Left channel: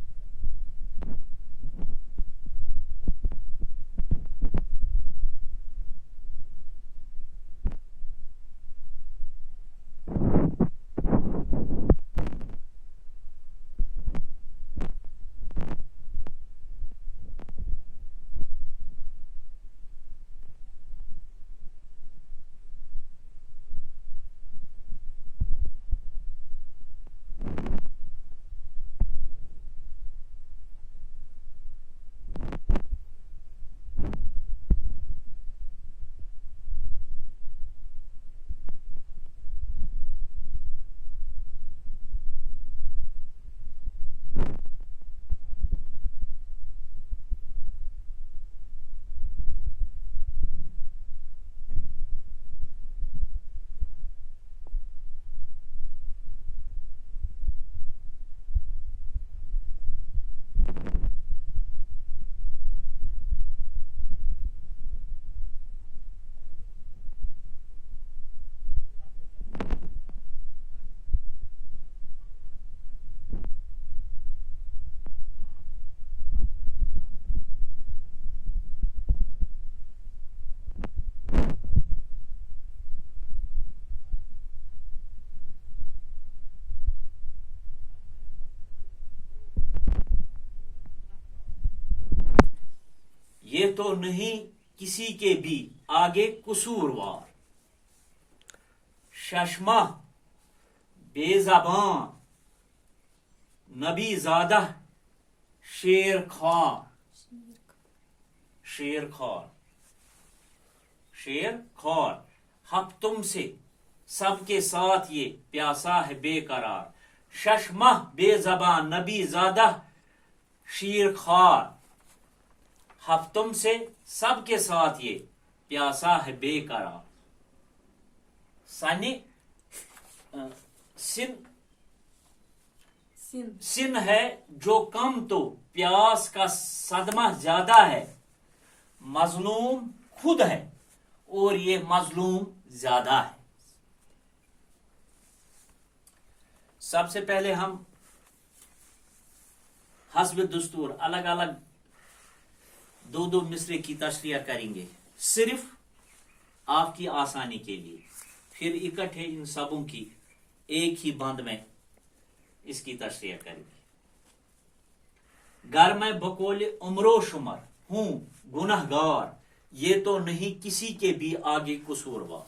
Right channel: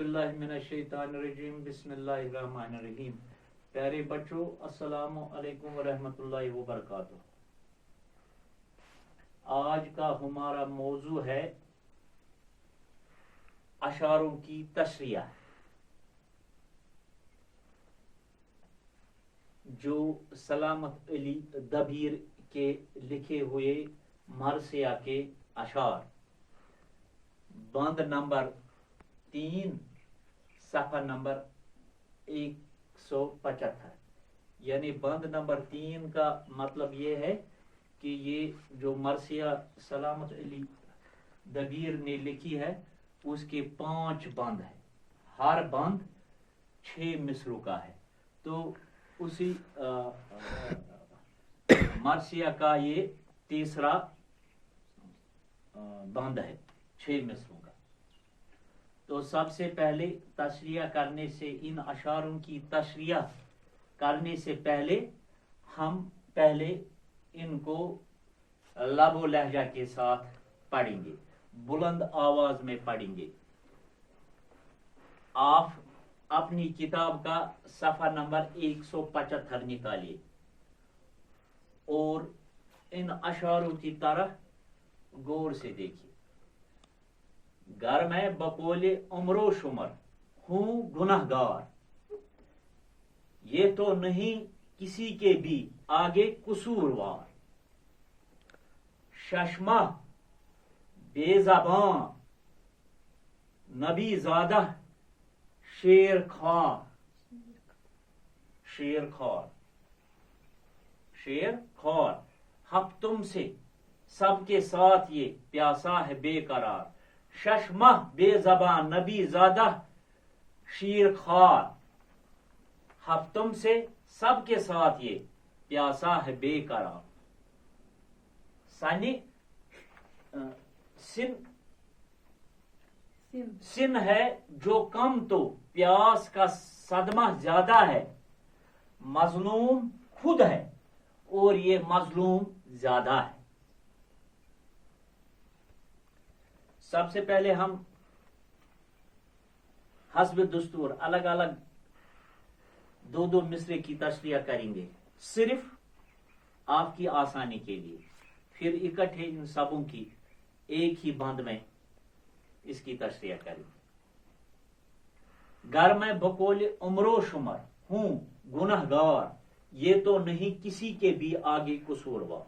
باللہ من الشیطان الرجیم بسم اللہ الرحمن الرحیم. پیارے بچوں السلام علیکم ورحمۃ اللہ وبرکاتہ. آج کا ہمارا موضوع ہے اشعاروں کی تشریح جو سلامت علی دبیر کے لکھے ہوئے مرثیہ کے اشعار بند نمبر 3 صفحہ نمبر 175. یعنی بند نمبر 3 کا مطلب یہ ہے کہ یہ جو مرثیہ سلامت علی دبیر نے لکھی ہے اس کے 5 بند ہیں. ہر بند 6 مصروں کا ہے. تو اسی مرثیہ کا یہ تیسرا بند ہے 6 مصروں کا. تو سب سے پہلے تشریح کرنے سے ان اشعاروں کی تشریح کرنے سے پہلے ہم پہلے ان کو لب و لہجہ کے ساتھ پڑھیں گے, بلند آواز میں پڑھیں گے. آپ اپنی کتاب کا صفحہ نمبر 175 نکالیے اور ان اشعاروں کی طرف غور سے دیکھیے. گر میں بقول عمر و شمر ہوں گناہ گار, یہ تو نہیں کسی کے بھی آگے قصوروار. ششمہ بے زباں نبی زادہ شیر خوار حق تم سے سب کے ساتھ یہ پیاسا ہے بے قرار. ششمہ بے زبان نبی زادہ شیر خوار, حق تم سے سب کے ساتھ یہ پیاسا ہے بے قرار. سن ہے جو کم تو پیاس کا صدمہ زیادہ ہے. مظلوم خود ہے اور یہ مظلوم زیادہ ہے. سب سے پہلے ہم حسب دستور الگ الگ 2 مصرے کی تشریح کریں گے صرف آپ کی آسانی کے لیے. پھر اکٹھے ان سبوں کی ایک ہی بند میں اس کی تشریح کریں گے. گر میں بقول عمر و شمر ہوں گناہ گار, یہ تو نہیں کسی کے بھی آگے قصوروار.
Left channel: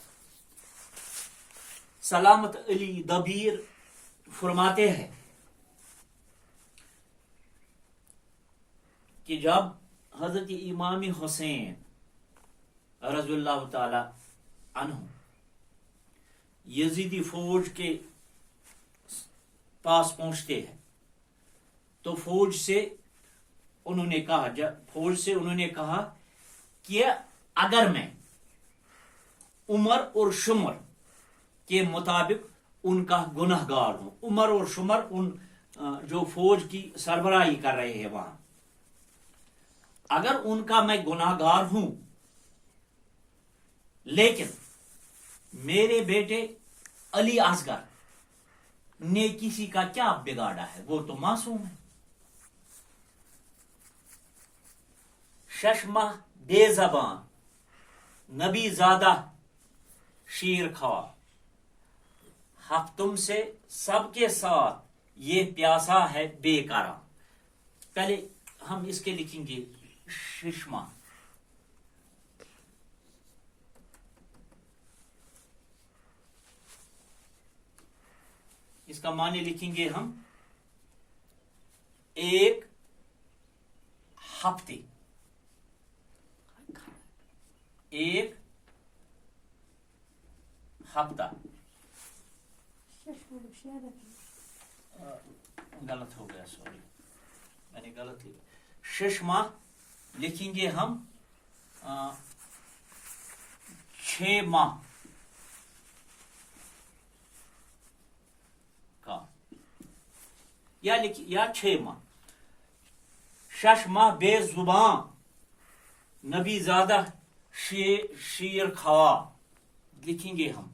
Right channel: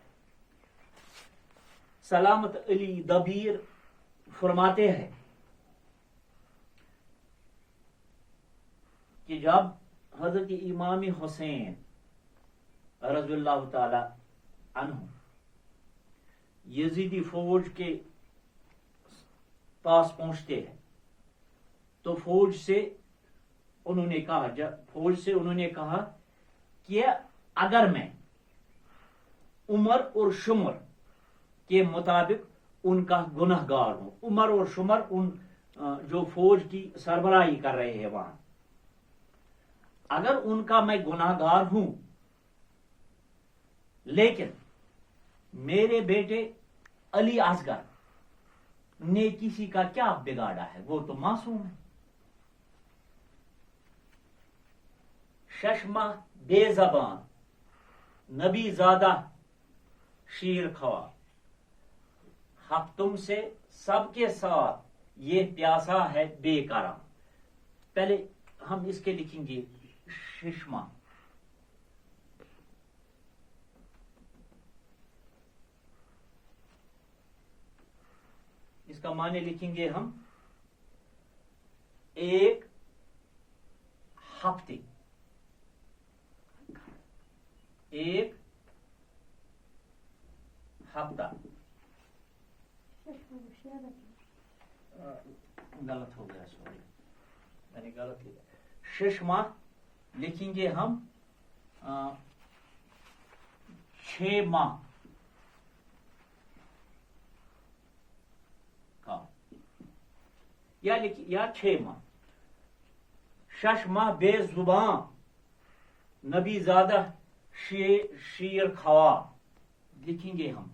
سلامت علی دبیر فرماتے ہیں کہ جب حضرت امام حسین رضی اللہ تعالی عنہ یزیدی فوج کے پاس پہنچتے ہیں تو فوج سے انہوں نے کہا کہ اگر میں عمر اور شمر کے مطابق ان کا گناہ گار ہوں. عمر اور شمر ان جو فوج کی سربراہی کر رہے ہیں وہاں, اگر ان کا میں گناہ گار ہوں لیکن میرے بیٹے علی اصغر نے کسی کا کیا بگاڑا ہے, وہ تو معصوم ہے. ششمہ بے زبان نبی زادہ شیر خوار, حق تم سے سب کے ساتھ یہ پیاسا ہے بے قرار. پہلے ہم اس کے لکھیں گے ششمہ. اس کا معنی لکھیں گے ہم ایک ہفتے, ایک ہفتہ. غلط ہو گیا, سوری میں نے غلط لکھا. ششمہ لکھیں گے ہم 6 ماہ کا, یا 6 ماہ. ششمہ بے زباں نبی زادہ شیر خوار لکھیں گے ہم,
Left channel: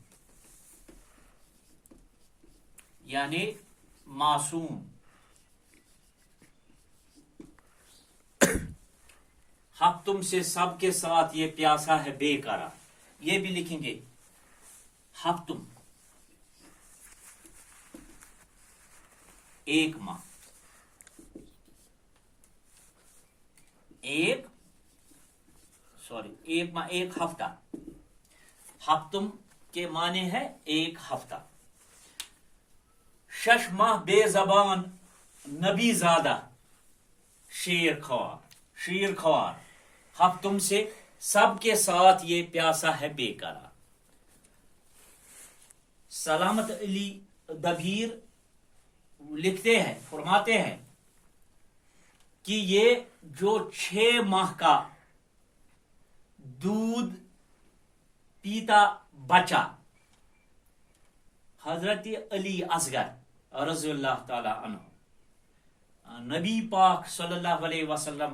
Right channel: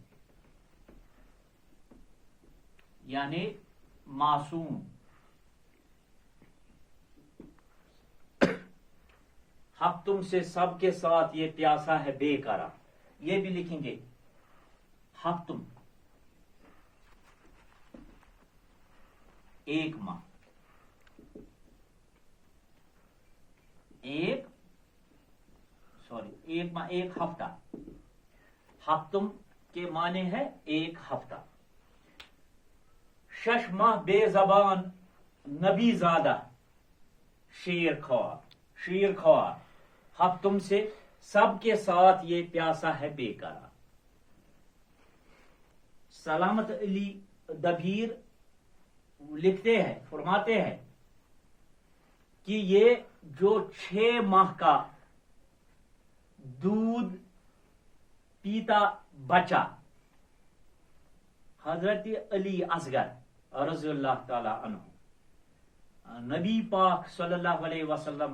یعنی معصوم. تم سے سب کے ساتھ یہ پیاسا ہے بے قرار. یہ بھی لکھیں گے ہفتم ایک ماہ, ایک ماہ ایک ہفتہ. ہفتم کے معنی ہے ایک ہفتہ. شش ماہ بے زبان نبی زادہ شیر خوار. ہفتم سے سب کے ساتھ یہ پیاسا ہے بے قرار. سلامت علی دبیر لکھتے ہیں, فرماتے ہیں کہ یہ جو 6 ماہ کا دودھ پیتا بچہ حضرت علی اصغر رضی اللہ تعالی عنہ نبی پاک صلی اللہ علیہ وسلم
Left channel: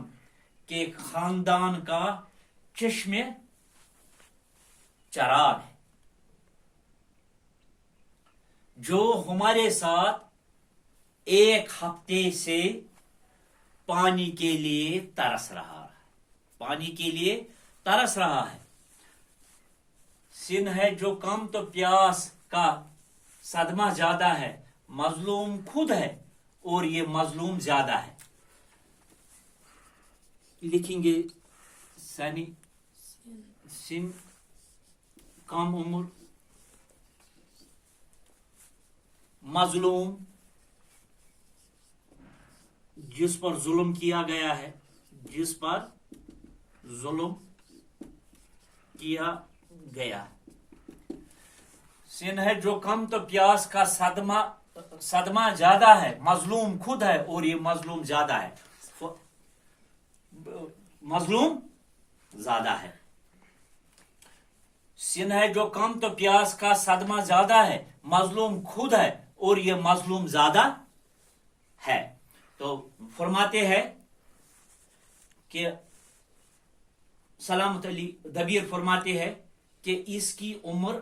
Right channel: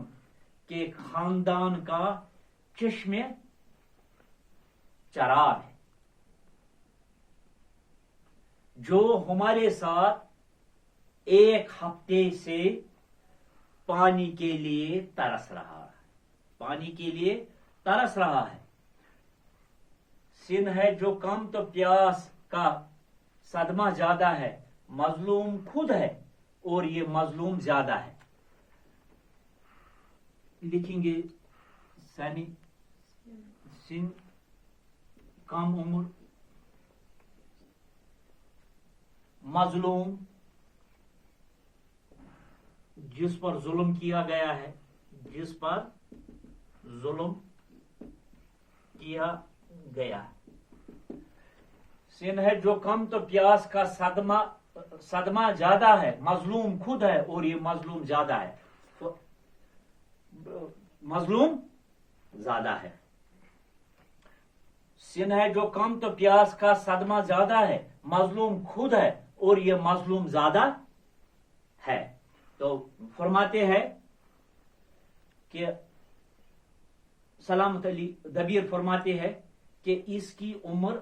کے خاندان کا چشم چراغ ہے, جو ہمارے ساتھ ایک ہفتے سے پانی کے لیے ترس رہا ہے. سن ہے جو کم تو پیاس کا صدمہ زیادہ ہے. مظلوم خود ہے اور یہ مظلوم زیادہ ہے. لکھیں گے سن کم عمر مظلوم جس پر ظلم کیا گیا ہے, سن ہے جو کم تو پیاس کا صدمہ زیادہ ہے. مظلوم خود ہے اور یہ مظلوم زیادہ ہے. سن ہے جو کم تو پیاس کا صدمہ زیادہ ہے. مظلوم خود ہے اور یہ مظلوم زیادہ ہے. تو فرماتے ہیں کہ سلامت علی دبیر فرماتے ہیں کہ اس کی عمر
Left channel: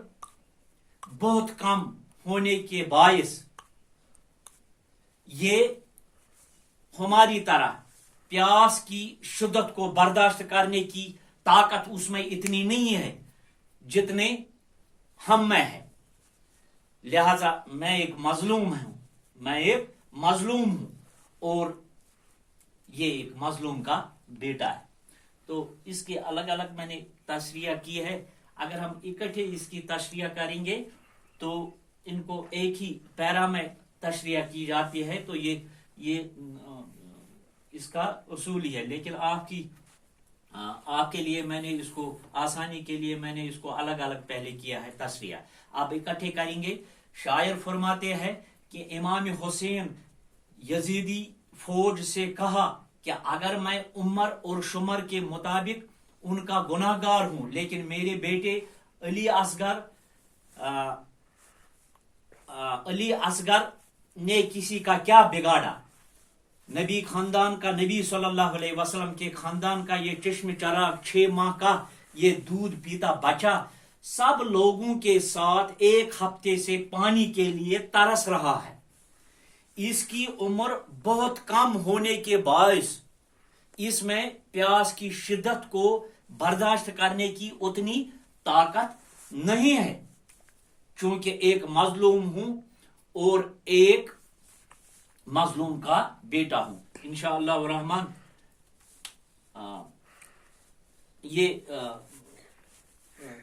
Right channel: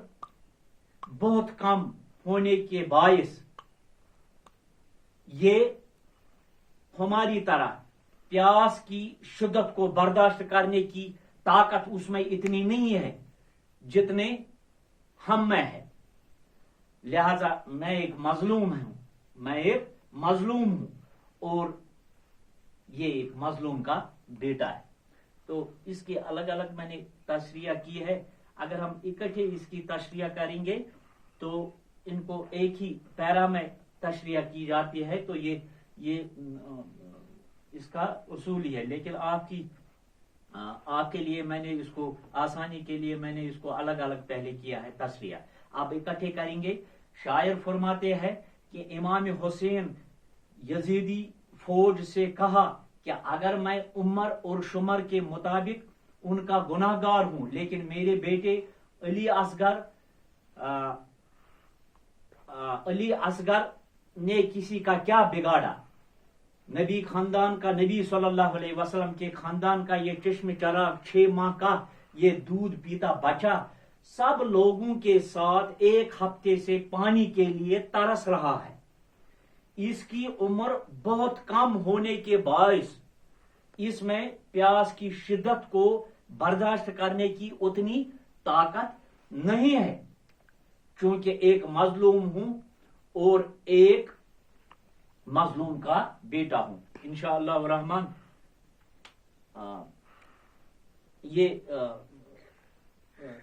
بہت کم ہونے کے باعث یہ ہماری طرح پیاس کی شدت کو برداشت کرنے کی طاقت اس میں اتنی نہیں ہے جتنے ہم میں ہے. لہذا میں ایک مظلوم ہوں اور یہ ایک مظلوم کا بیٹا ہے. تو اس کے الگ الگ میں نے تشریح کی ہے. اگر ہم اکٹھے اس کی تشریح کریں گے تو ان کو ایک ہی پیرا میں تشریح کی جاتی ہے. تو یہ اس کا اصول ہی ہے. لیکن آپ کے لیے میں نے اس کو آسانی کے لیے میں نے اس کو الگ الگ پہلے کیا ہے تشریح. آپ اکٹھے کریں گے. شاعر فرماتے ہیں کہ امام حسین یزیدی فوج سے کہا کہ اگر میں عمر اور شمر کے مطابق ان کا گناہ گار ہوں, لیکن میرے بیٹے علی اصغر نے کسی کا کیا بگاڑا. نبی خاندان کا, نبی صلی اللہ علیہ وسلم کے خاندان کا یہ چشم چراغ 6 ماہ کا یہ دودھ پیتا بچہ سب لوگوں کے ساتھ ایک ہفتے سے پانی کے لیے ترس رہا ہے. اس کی عمر بہت کم ہونے کے باعث اس میں پیاس کی شدت کو برداشت کرنے کی اتنی طاقت نہیں ہے, چونکہ ایک مظلوم ہوں اور ایک مظلوم کا بیٹا ہوں. انشاءاللہ الرحمن یہ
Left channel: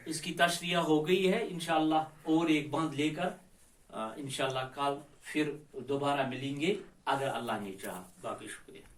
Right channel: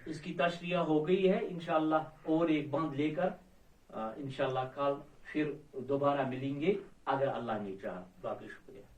اس کی تشریح ہو گئی ہے. انشاءاللہ اور ایک بند لے کر انشاءاللہ کل پھر دوبارہ ملیں گے اگر اللہ نے چاہا. باقی شکریہ.